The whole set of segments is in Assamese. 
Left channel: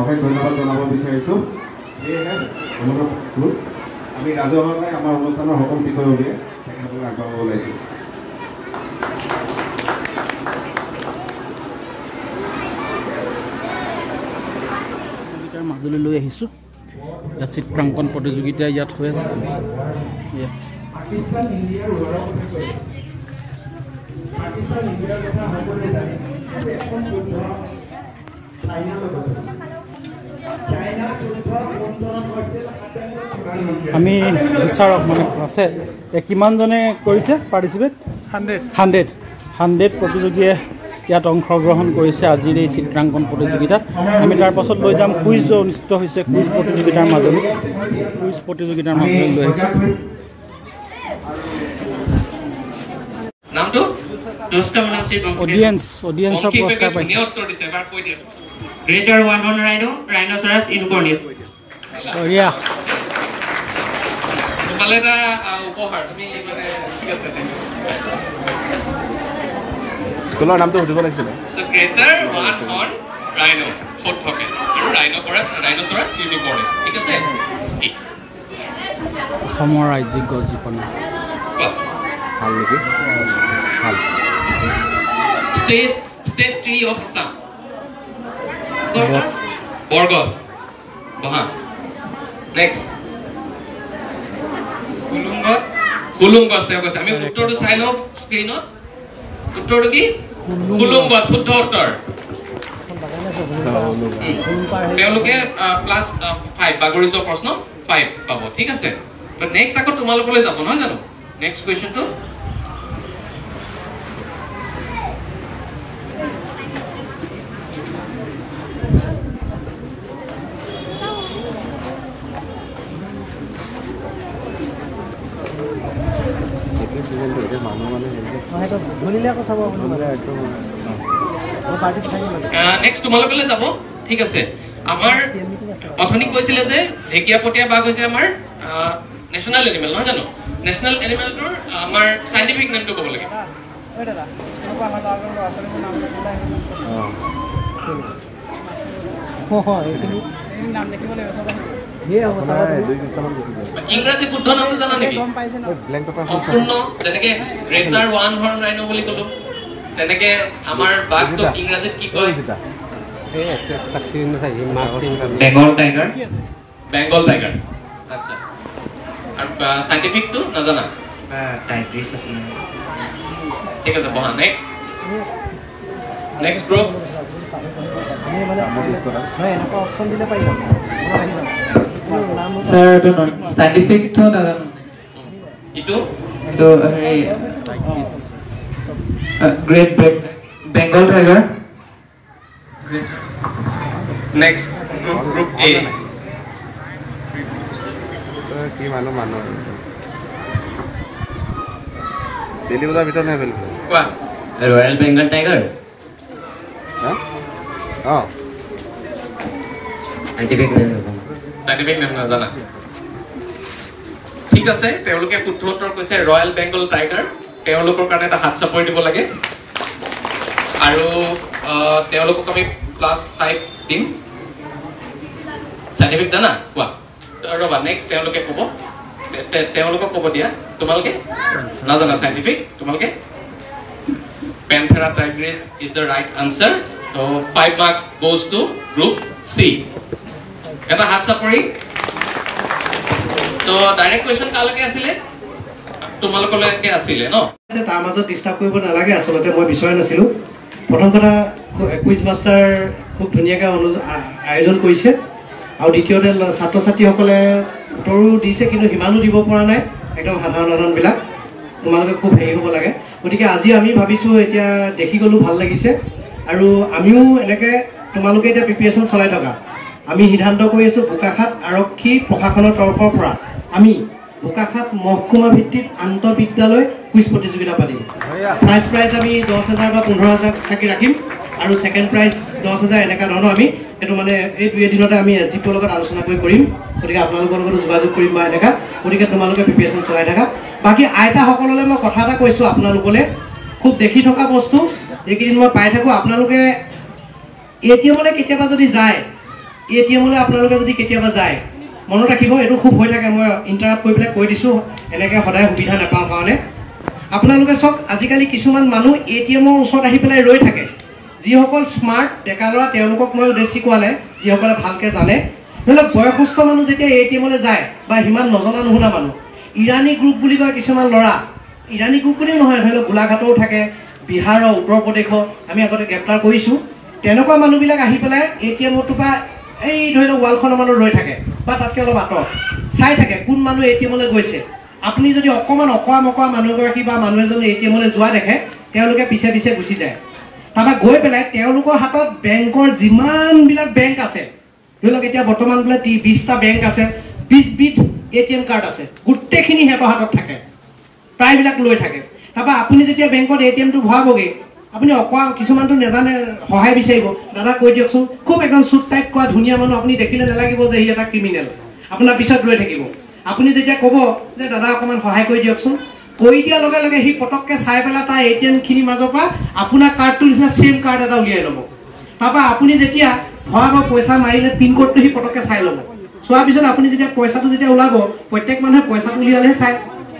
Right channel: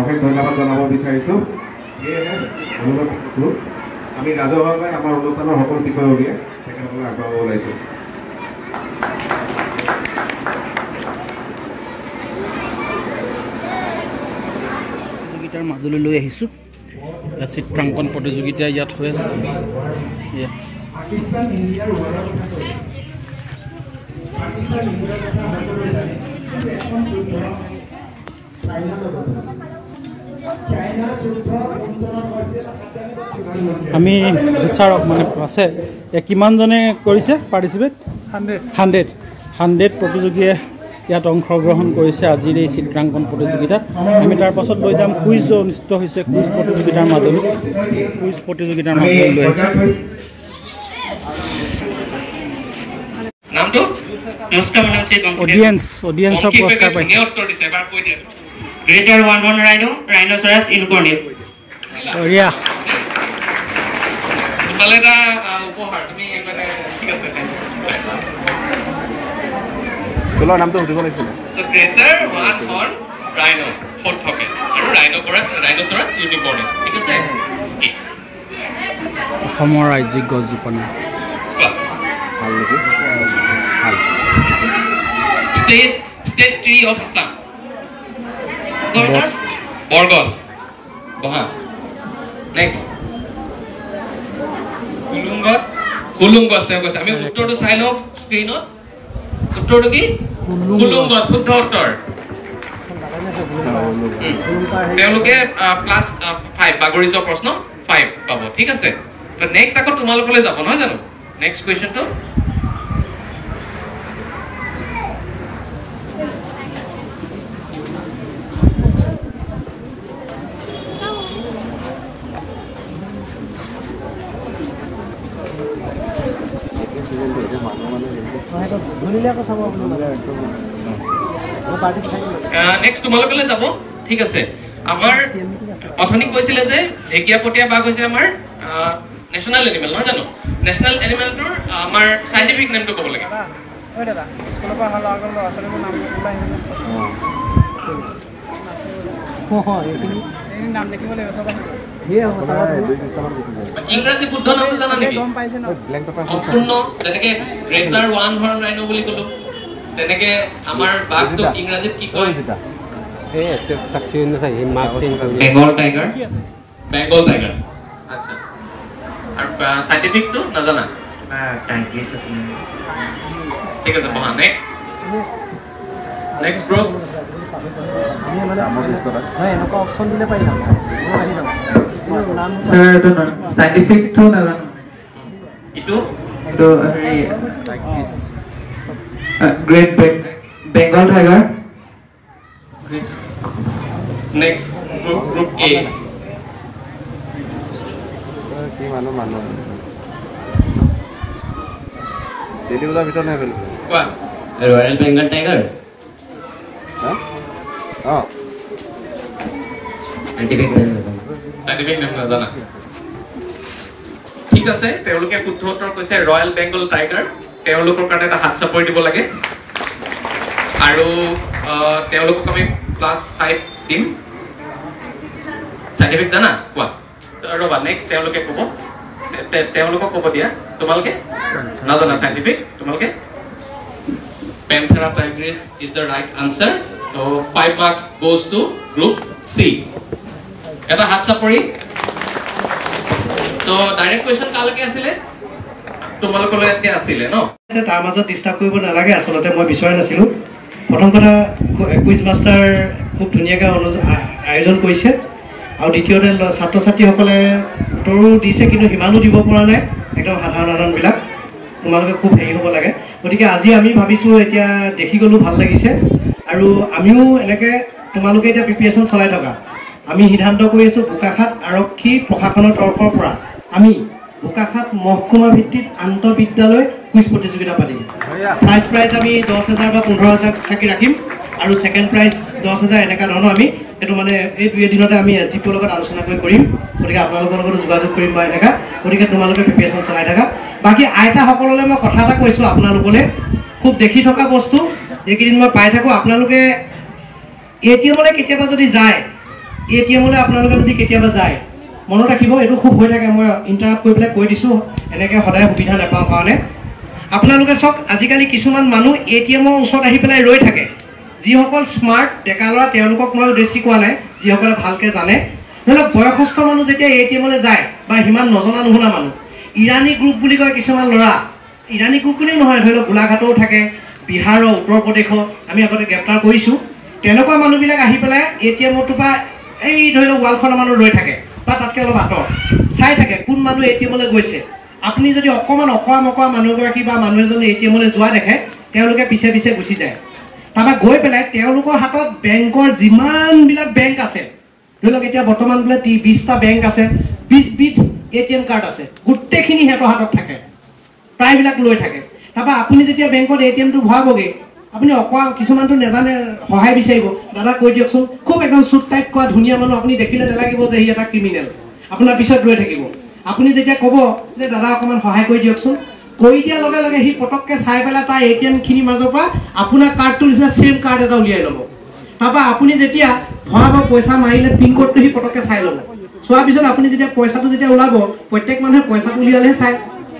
অশেষ ধন্যবাদ জনাব বিচাৰিছোঁ। সেয়েহে আমি ৰাজহুৱাকৈ আমাৰ অনুষ্ঠানৰ সকলো বিষয়ববীয়া তেখেতসকলক আগবঢ়াব ওলাইছোঁ। প্ৰতিযোগিতাৰ মাজলৈ লৈ আহিছোঁ। ইয়াত চিত্ৰাংকন প্ৰতিযোগিতা ইয়াত হৈ আছে। আমি বিচাৰক মানে আছে কিমানজনে কৰিছে পাৰ্টিচিপেট? 100 প্ৰতিযোগীয়ে ইয়াত অংশগ্ৰহণ কৰিছে আজিৰ এই চিত্ৰাংকন প্ৰতিযোগিতাত। আমি তাৰ পাছত লৈ যাম কুইজ অনুষ্ঠিত হৈছে, কুইজ প্ৰতিযোগিতাৰ মাজলৈ লৈ আহিছোঁ। অডিয়েন্সৰ পুৰস্কাৰ পাইছে। Greater one horn rhino, rhinoceros unicornis. বঢ়িয়া। স্কুলৰ নামটো সুধিব লাগিছিল। Greater one horn rhino, hot hockey. Rhinoceros unicornis. ঠিক আছে? অসমৰ ৰাজ্যিক গছ জোপনি। ভাল নেকি? ভাল। State tree of Assam. Borgos. Next. Kulungos. আমি উত্তৰটো চাই লওক স্ক্ৰীনত। উত্তৰটো কি? কুলুংগছ শুদ্ধ উত্তৰ। তেওঁলোকে ক্লাছ 5 বাগৰি যোৱা প্ৰশ্ন 5 পাব। ঠিক আছে? তো নেক্সট আকৌ তোমালোকলৈ যাব নহয় জানো? নেক্সট কুৱেশ্যনটো নেক্সট তোমালোকলৈ যাব। ঠিক আছে? আমাৰ অথনি কৈছিলে যে ঢেকীয়াপতীয়া বাঘ হৈছে আমাৰ নেশ্যনেল এনিমেল নহয় জানো? নেশ্যনেল এনিমেলটোৰ আমাৰ চাইণ্টিফিক নেমটো ক'ব লাগে। ইংৰাজী শুদ্ধ নামটো জানা নেকি? সম্পূৰ্ণ যেনেকে গ্ৰেটাৰ ওৱান হৰ্ন ৰাইনো বুলি ক'লো, তেনেকে আমাৰ বাঘটো ইংৰাজীত কি কয়? বেংগল টাইগাৰ। আচ্ছা, আৰু চাইণ্টিফিকটো নাজানা? ঠিক আছে, বহা। নেক্সট গ্ৰুপ অপশ্যন দিলে পাই যাম। সাইন্টিফিকটো নাজানো। ইটো হেৰি great Bengal tiger. Next group এ। কি মানুহ দিল্লী বজাৰ ভিতৰত নাই খেলিব। কোৱা। Royal Bengal tiger. সাইন্টিফিক নাজানা। ঠিক আছে, তেওঁলোকে শুদ্ধ উত্তৰ কৈছে ৰয়েল বেংগল টাইগাৰ। তেওঁলোকৰ কাৰণে এটা হাত চাপৰি দিব লাগে আৰু তেওঁলোকক আমি ক্লাছ 5 দিম। সাইন্টিফিক জানা? কোৱা। ৰবা, নেক্সট তেওঁলোকে ক'ব, তেওঁলোকক ক'ব দিয়া। তোমালোকে নাজানা সাইন্টিফিক? তোমালোকে Panthera tigris is the right answer. So 5 marks goes to group C. এটা হাত চাপৰি। তো ডাইৰেক্ট কোৱেশ্চন কালৈকে আছিলে? তোমালোকলৈকে আছিলে ন? তাৰ মাজত ডিস্টাৰ্ব কৰিব নালাগে। আচলতে মই বিচৰা নাছিলোঁ। প্ৰথম কথা, কুইজ মাষ্টাৰ খুব ধুনীয়াকৈ আয়োজন কৰিছে, আৰু দ্বিতীয়তে ছাত্ৰ ছাত্ৰীসকলে উত্তৰো দিছে, কিন্তু সিমানো দিব পৰা নাই, একদম সাধাৰণবিলাক। তোমালোকে খুব হেৰি হ'ব লাগে। গতিকে আজি আমি ভাবিছোঁ, এতিয়া দেখি গ'লো, ভাল লাগিছে, আৰু আমিও এনেকৈ তোমালোকে এতিয়া প্ৰিপেৰেশ্যন চলাই থকা। আমি সিদ্ধান্ত কৰি আছোঁ, বোকাখাত আৰক্ষী প্ৰশাসনৰ তৰফৰ পৰা আমি বোকাখাত মহকুমা ভিত্তিত আন্তঃবিদ্যালয় কুইজ প্ৰতিযোগিতা পাতিম। ফাৰ্ষ্ট প্ৰাইজ আমি 10,000 বা 15,000 থাকি ৰাখিম, আৰু ছেকেণ্ড প্ৰাইজ 10,000 এনেকুৱা ধৰণৰ আমি সেইটো মানে এই 2 দিনতে আমি SDPৰ লগত আলোচনা কৰিম। গতিকে আপোনালোকৰ লগত যোগাযোগ কৰিম বা এনেকুৱা। গতিকে তোমালোকে প্ৰিপেৰেশ্যন চলাই থাকা। বাকী আইতাসকললৈ মই কথা এটা কৈছোঁ, আপোনালোকলৈ খুব দেখি থকা বস্তু এইকেইদিন মই পাই থাকোঁ। আপোনালোকে ATMলৈ কেতিয়াবা যদি যায়, ATM-লৈ আপোনালোকে যদি কেতিয়াবা যায় মনত ৰাখিব, এইটো খুব হৈ থাকে, মই ইণ্টাৰাপ্ট কৰি পেলাই কৈ দিছোঁ এনেকৈ সদায় সুবিধা নাপাওঁ কাৰণে। আপোনালোকে চাওক আজিকালি কিছুমান মানুহ ATM-ৰ ওচৰত আহি পেলাই ৰৈ থাকে। যিসকল স্মাৰ্ট ডেকা ল'ৰা তেওঁলোকক মই উদ্দেশ্যি কোৱা নাই, যিসকলে ভালকৈ জানে। নহ'লে বয়সস্থ মানুহ যেতিয়া ATM-লৈ যায় বা সিমান নজনা নুশুনা মানুহ, ইৰাণী গ্ৰুপ বুলি কয় কিছুমান ল'ৰা, ইৰাণী গ্ৰুপ বুলিও নহয়, ধৰি লওক গোলাঘাটৰো থাকে, বিহাৰৰ, উত্তৰ প্ৰদেশৰ আমি আগতে গ্ৰেপ্তাৰ কৰিছোঁ। তেনেকুৱা মানুহবিলাক আহি পেলাই ATM-টোৰ পৰা এই ধৰি লওক ৱালখনৰ মানুহ ৰৈ থাকে বা তাতকৈ অলপ আঁতৰ চাই থাকে কোন মানুহ ATM-লৈ গৈছে। আপুনি যদি অকণমান অকোৱা মকোৱা মানুহগৰাকী বা মানুহ এজন ATM-লৈ যোৱা দেখে তেওঁলোকে পিছে পিছে গুচি যায়। তাৰপৰা গৈ পেলাই তেওঁলোকৰ হাতত বেংকৰ যিমানবিলাক বেংক আছে, ধৰি লওক এতিয়া বৰ্তমান বোলে 20টা বেংক আছে, 20 বিধ ATM কাৰ্ড আছে, গোটেইখিনি সিহঁতৰ হাতত থাকে, প্ৰায়বিলাক লৈ থাকে। তাৰপৰা আপুনি যেতিয়া বেংকত ATM-টো ভৰাবগৈ, আপুনি অকোৱা কিছুমানটো নাজানে, সহায় বিচাৰিব, দাদা কৈ দিয়কচোন। খুব একদম চুট টাইট কোৱা ধুনীয়া মানুহ, আপুনি দেখিলে নালাগিব যে সি এটা ক্ৰিমিনেল, আপোনাৰ পিছত ৰৈ থাকিব। আপুনি যেতিয়া ক'ব যে দাদা অকণমান সহায় কৰি দিয়কচোন, কৰি দিয়াৰ লগে লগে সি পটককৈ চাই পেলাই তাৰ ATM-খিনিৰ মাজৰ পৰা আপোনাৰ কাৰ্ডটো নিচিনা ছেইম কাৰ্ড এটা উলিয়াই ল'ব। তাৰপৰা আপুনি যেতিয়া ভৰাব, পইচা মাৰিলে পিনক'ডটো সি পটককৈ চাই ল'ব। চোৱাৰ পিছত আপুনি যেতিয়া পইচাটো যেতিয়া ওলাব, প্ৰত্যেক মানুহে পইচাটো উলিয়ালেহে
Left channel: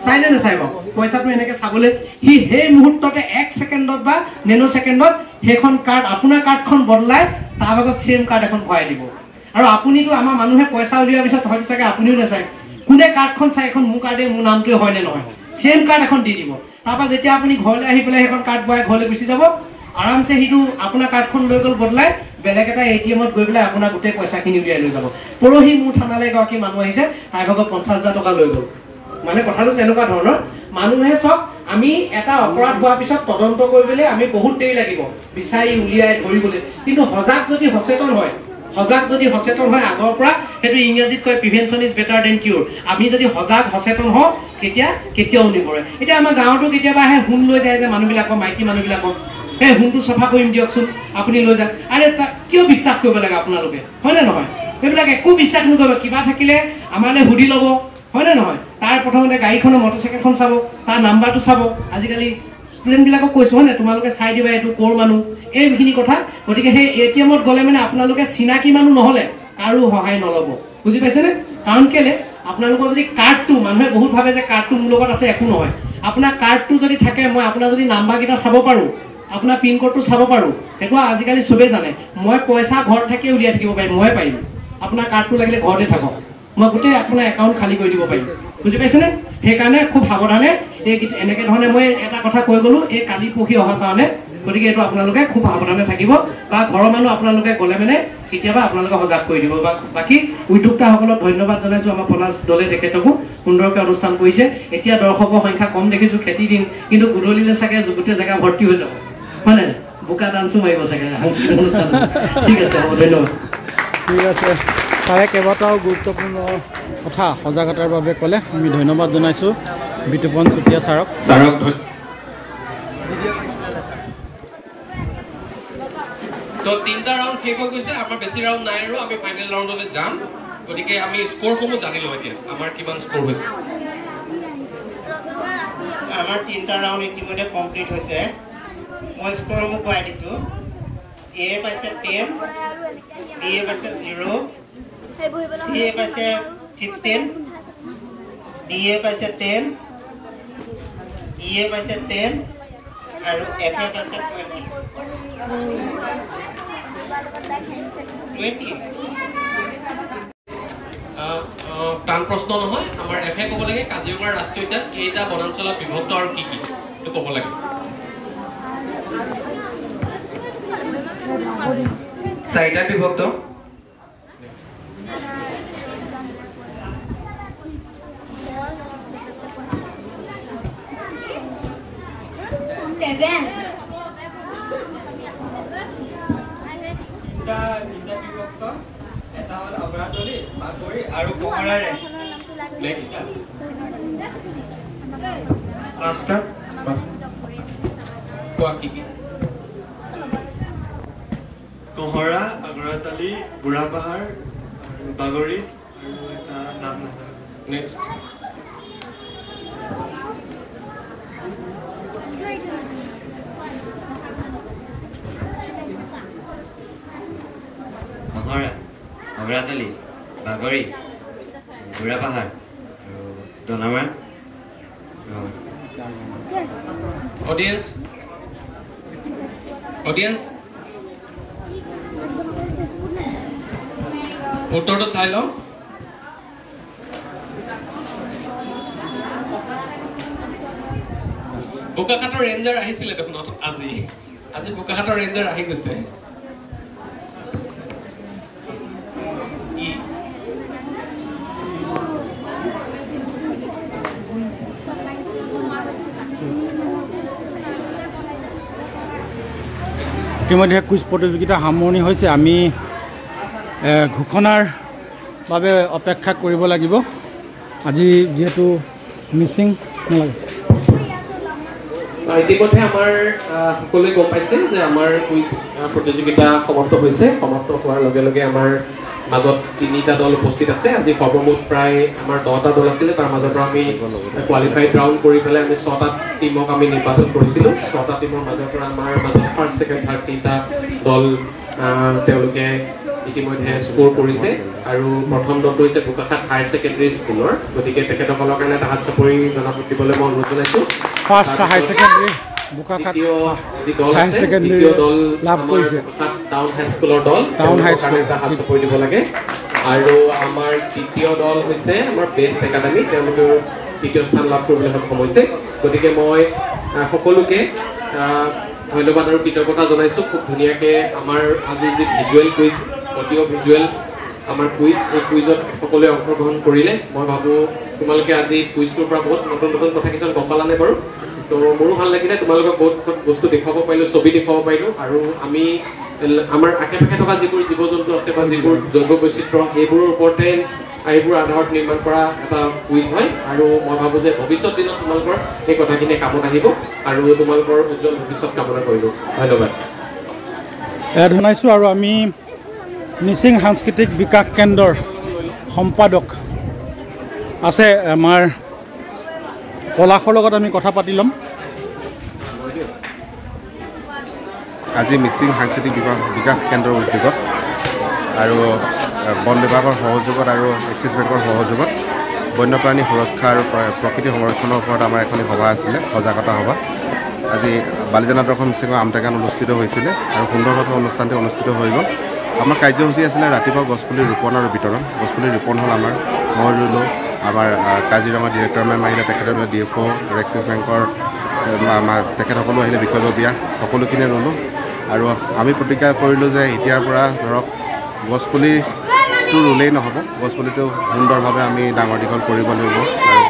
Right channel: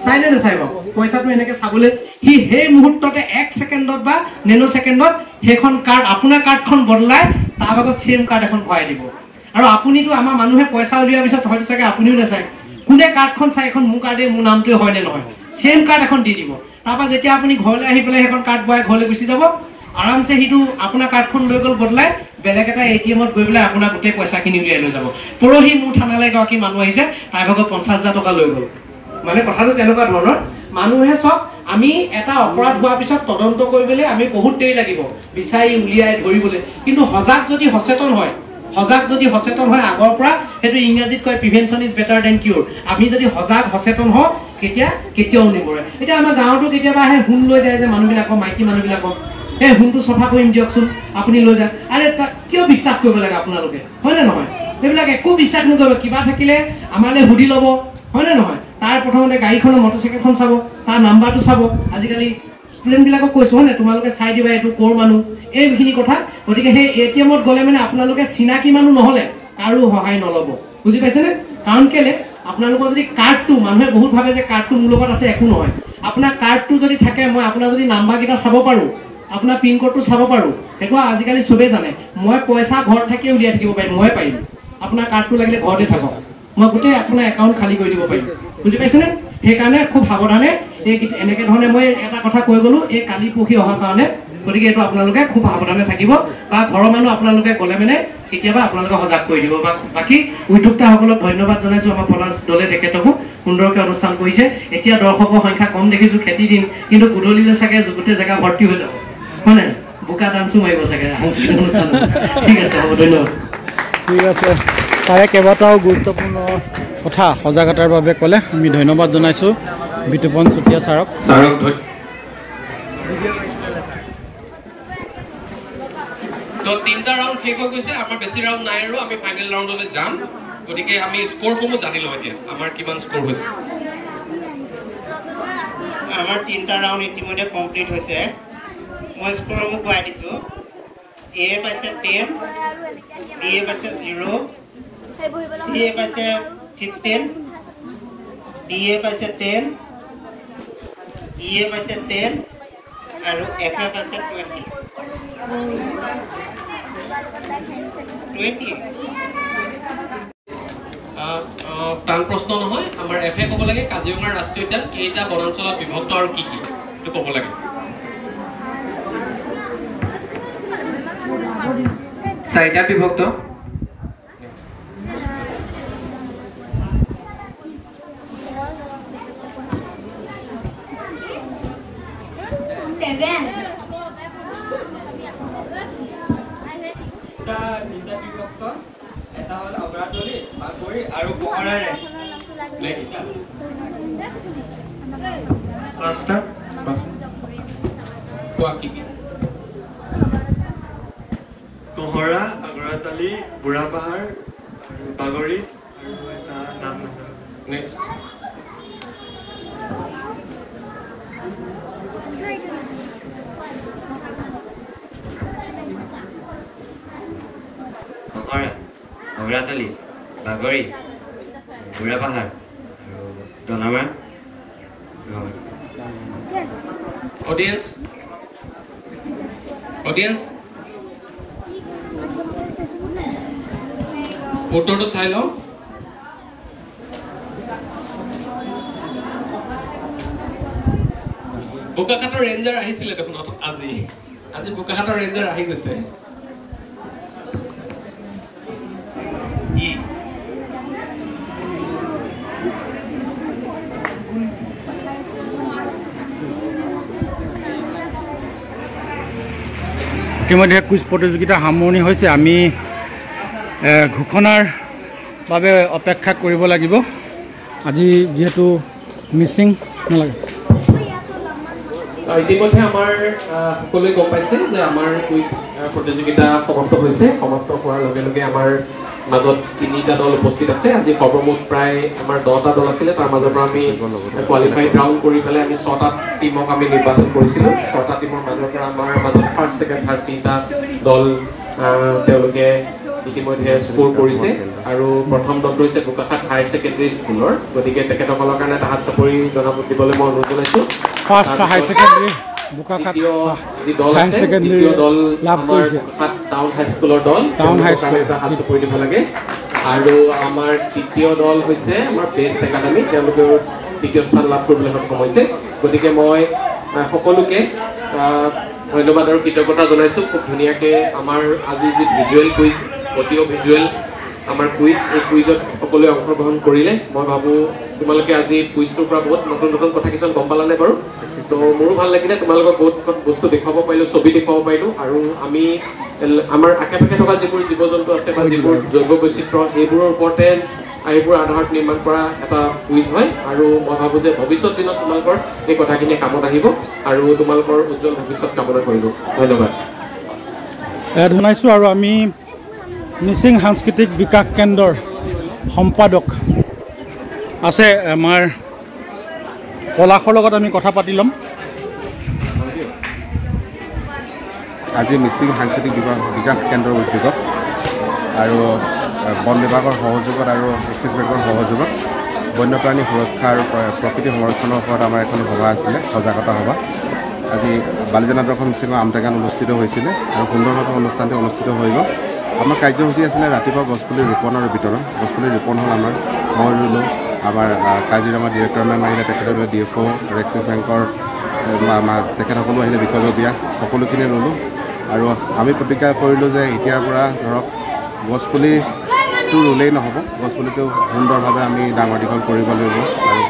চাই নে নাচাই বাৰু? পইচাটো এনেকৈ চাবলৈ সি সেই মুহূৰ্ততে 1 ছেকেণ্ডত বা নেনো ছেকেণ্ডত সেইখন কাৰ্ড, আপোনাৰ কাৰ্ডখন বদলাই তাৰ ভাগত ছেইম কাৰ্ড এখন ভৰাই দিব। আৰু আপুনিতো আমাৰ মানুহে পইচা উলিওৱাৰ পিছত হয়তো চাগে আপুনিও নাচায়, কোনে কাৰ্ডখন চাই এখন মোৰ কাৰ্ডে মোৰ নামটোৱে হয় নে নহয়, ছেইম কাৰ্ড এখন দি দিব। তাৰপৰা যেতিয়া আপুনি ঘৰলৈ আহি পেলাই সেইখন কাৰ্ড ভৰাই ঘৰলৈ গুচি যাব, আৰামছে সিটো আপোনাৰ কাৰ্ডখন লৈ গ'ল বদলাই বেলেগ এটা ATM-ত গৈ পেলাই আপোনাৰ গোটেই পইচাখিনি উলিয়াই লৈ যাব। পৰহি মোৰ থানালৈ এগৰাকী মানুহ আহিছে, তাৰ ভাগত 50,000 টকা লৈ গ'ল। মানে কথাটো তেনেকুৱা ধৰণৰ। মানুহে চাওক, আমি এটা অপৰাধ হোৱাৰ পিছত তদন্ত কৰিবলৈ আমি বহুত দেৰি লাগিব, বিচাৰি উলিয়াই ধৰিবলৈ। কিন্তু সজাগ যদি সচেতন হয় আগৰ পৰা, সেইটো ইংৰাজীত কয় প্ৰিভেনশ্যন ইজ বেটাৰ দেন কিউৰ। আমি যদি সজাগ সচেতন হওঁ কেতিয়াও নিমৰে। এতিয়া আমাৰ গাঁৱতো কেতিয়াবা আহে হুম লৈ যায় যে মানুহবিলাকক, মাইকী মানুহবিলাকক, এই হুমটো চফা কৰিম দিয়কচোন, আপুনি লৈ যাওক। আৰে তাক কিয় বিশ্বাস কৰিব লাগে আপোনালোকে, হয়নে নহয়? সেইবিলাক একো বিশ্বাস নকৰিব। কিবা থাকিলে আমালৈ সুধি ল'ব, হয়নে নহয়? তাৰ প্ৰথমতে গাড়ীখনৰ মটৰচাইকেলখন চাব, তাৰ নাম্বাৰটো চাব। আজিকালি ষ্টুডেণ্টবিলাকক কৈছোঁ, হয় নে, তোমালোকে চাই দিবা এইটো ক'ৰ মানুহ, এইখিনি কথা। গতিকে সেই ATM-ত গ'লে মানে আপোনালোকে চিনাকি মানুহ নহ'লে কাৰো সহায় নল'ব, বুজি পাইছেনে? কাৰণ কেলে, আপোনালোকৰ যদি কাৰ্ডটো, মানুহে বহুত ভাবে যে কাৰ্ডটো মোৰ লগত আছে, একো নহয়। আপোনাৰ কাৰ্ডটো যদি থাকে, মই আপোনাৰ যদি নাম্বাৰকেইটা চাব পাৰোঁ, আপোনাৰ পিনক'ডটো চাব পাৰোঁ, সেইটো আজিকালি চবেই জানে। মই পইচা ঘৰত থাকিয়ে উলিয়াই থাকিব পাৰিম, ময়ে পাৰিম। আপোনাৰ কাৰ্ডটো লাগিলে ঘৰতে থাকক, মই গোটেই আপোনাৰ একাউণ্ট খালী কৰি দিব পাৰিম, বুজি পাইছেনে? সেইকাৰণে খুব সাৱধানে এনেকৈ ধৰণে মই এটা কথা কৈ গ'লোঁ, এই কালি পৰহি অহাৰ কাৰণে। গতিকে এইটো আপোনালোকে খুব সাৱধানে থাকিব, বা ঘৰৰ মানুহ আপোনালোকে গ'লে মানে কেতিয়াবা আপোনালোকে সজাগ কৰি দিব। বাকী উদ্যোক্তাসকলক ধন্যবাদ জনাইছোঁ। আমাৰ পলাশ দলে তেখেতকো সুন্দৰকৈ অনুষ্ঠান কৰিছে। এতিয়া দৰ্শকৰ সংখ্যা কম দেখিছোঁ, খেতি দিন, কিন্তু গধূলিলৈ চাগে গোটেই জেগা ভৰ্তি হৈ যাব, হয় নে? বোকা ডান্সো মাৰিব চাগে সাংস্কৃতিক অনুষ্ঠান। ঠিক আছে, হ'ব, ধন্যবাদ। ঠিক আছে, তাৰে কেইবাটাও গুৰুত্বপূৰ্ণ কথা সজাগতাৰ বাবে ক'লে, আমি ধন্যবাদ জনাইছোঁ বিতুপন চুতীয়া ছাৰক। তিনিটা ৰাউণ্ড শেষ হৈ গৈছে, আমাৰ বেছি ৰাউণ্ড নাই আৰু আমি ফাইনেল ৰাউণ্ডলৈ যাম। গতিকে আমি স্ক'ৰসমূহ জানি লওঁ এতিয়া, আমাৰ কিমান স্ক'ৰ হৈছে। আমাৰ 3টা ৰাউণ্ড ইতিমধ্যে কমপ্লিট হৈছে। মই স্ক'ৰসমূহ কোৱাই দিছোঁ। A পাইছে 10, B পাইছে 0, C পাইছে 15, D পাইছে 10, E পাইছে 10 আৰু F পাইছে 20। টান প্ৰশ্ন নহয়, আমাৰ এফে ক'ব লাগে কাজিৰঙা ৰাষ্ট্ৰীয় উদ্যান কেইটা বনাঞ্চলত বিভক্ত আৰু কি কি, সেইটো ক'ব লাগে। 4টা বিভক্ত। এটা হ'ল অগ্ৰাতলি, বাগৰি আৰু কোমৰাৰে। কোমৰা, অগ্ৰাতলি, বুঢ়াপাহাৰ, বাগৰি আৰু এটা নাম নেক্সট মহৰা। আমৰাতলি বাগৰি বুঢ়াপাহাৰ আৰু দনামৰা Audience? Audience? ফটোটো চাই লওঁ বোকাখাটৰ ৰেঞ্জাৰ আহিছিলে দেখোন আজি বোকাখাটৰ ৰেঞ্জাৰ আহি গৈছে ইতিমধ্যে কুইজ প্ৰতিযোগিতা সামৰণি হৈছে আমি ঘোষণাৰ বাবে অপেক্ষা কৰিব লাগিব আজি যিহেতু মিচিং নালাগে ইতিমধ্যে আমাৰ সকলোৱে গম পাইছে যে আমাৰ কুইজ প্ৰতিযোগিতা সমাপ্ত হৈছে সমাপ্ত হোৱাৰ লগে লগে আমাৰ মাজত 3টা দল উপস্থিত আছে আজি সৰ্বমুঠ প্ৰায় আমাৰ 10টা দল আছিলে তাৰ মাজৰ পৰা আমি কোৱালিফাইড ৰাউণ্ড কৰি পেলাই আমি 6টা টিমক আমি নিৰ্বাচন কৰিছিলোঁ 6টা টিমৰ মাজৰ পৰা আমাৰ মাজত ফাৰ্ষ্ট ছেকেণ্ড থাৰ্ড 3টা দল তেওঁলোকে ইতিমধ্যে স্ক'ৰ কৰিছে আৰু প্ৰথম দলটো হৈছে বোকাখাট হায়াৰ ছেকেণ্ডেৰী স্কুলৰ গতিকে তেখেতসকলৰ কাৰণে তাহাত চাপৰি জনাব দিবলৈ মই অনুৰোধ জনাইছোঁ first higher secondary Bokakhat higher secondary লাভ কৰিছে টাউন হাইস্কুলৰ দল টাউন হাইস্কুল তাহাত চাপৰি দিব লাগে আৰু আমাৰ তৃতীয় দল হৈছে আমাৰ বেষ্ট একাডেমি তেওঁলোকেও তৃতীয় স্থান লাভ কৰিবলৈ সক্ষম হৈছে গতিকে মই সকলোকে ধন্যবাদ আৰু কৃতজ্ঞতা জনাইছোঁ খুব ধুনীয়াকৈ আমাৰ আজি যি ভিজুৱেল কুইজ অডিঅ' ভিজুৱেল আমাৰ কুইজ এই কুইজত সকলোৱে অংশগ্ৰহণ কৰিলে মই ভাবোঁ তোমালোকে আজি কুইজটোৰ পৰা বহুত নতুন নতুন কথা কিছুমান গম পালানে বাৰু তো মোৰো ভাল লাগিলে তোমালোকক বহুত বস্তু দেখুৱাব পাৰিলোঁ ছবি দেখুৱাব পাৰিলোঁ আৰু আমি আমাৰ আশে পাশে থকা যিবোৰ জীৱ জন্তু আছে বা যিবোৰ জৈৱ বৈচিত্ৰ্য এইবোৰৰ ওপৰতে এইবোৰ আধাৰত নিৰ্মাণ কৰা এটা কুইজ হয় আৰু মই ভাবোঁ যে ভৱিষ্যত দিনত তোমালোকৰ এই কথাখিনি কামত আহিব আৰু তোমালোকৰ উজ্জ্বল ভৱিষ্যত কামনা কৰিব ধন্যবাদ জনাইছোঁ আৰু আমি মিচিং সাংস্কৃতিক বিকাশ কেন্দ্ৰৰ সম্পাদক আছে আমাৰ পলাশৰ লগত আমি কথা পাতি ল'ম আজি মিচিং সাংস্কৃতিক বিকাশ কেন্দ্ৰৰ উদ্যোগত আৰু বন বিভাগৰ সহযোগত আৰু এক্সিছ বেংকৰ সহযোগত বন্যপ্ৰাণী সুৰক্ষা আৰু প্ৰকৃতি সংৰক্ষণৰ ওপৰত আমাৰ এখন সভা আছিলে সজাগতা সভা আজি বালিজান আদৰ্শ মিচিঙৰ আমটেঙাত অনুষ্ঠিত হৈছিলে আৰু সুন্দৰভাৱে অনুষ্ঠানটো অনুষ্ঠিত হৈ গ'ল আমাৰ কাৰ্যসূচী আছিলে ৰাতিপুৱা গছপুলি ৰোপণ আৰু বিতৰণ গছপুলি ৰোপণ হ'ল আমাৰ মই ৰুলোঁ আমাৰ কাজিৰঙা ডিৰেক্টৰ মেম আহিলে তেখেতৰ DFO আৰু এক্সিছ বেংকৰ তেখেতসকলো আহিলে বিষয়ববীয়া সকলোখিনি ৰুলোঁ আৰু আমি প্ৰতিজ্ঞা কৰিলোঁ যে এতিয়াৰ পৰা ধৰক গছপুলিটো ৰুলেই নহ'ব গছপুলিটো সুন্দৰভাৱে আমি ডাঙৰ দীঘল কৰিব লাগিব আৰু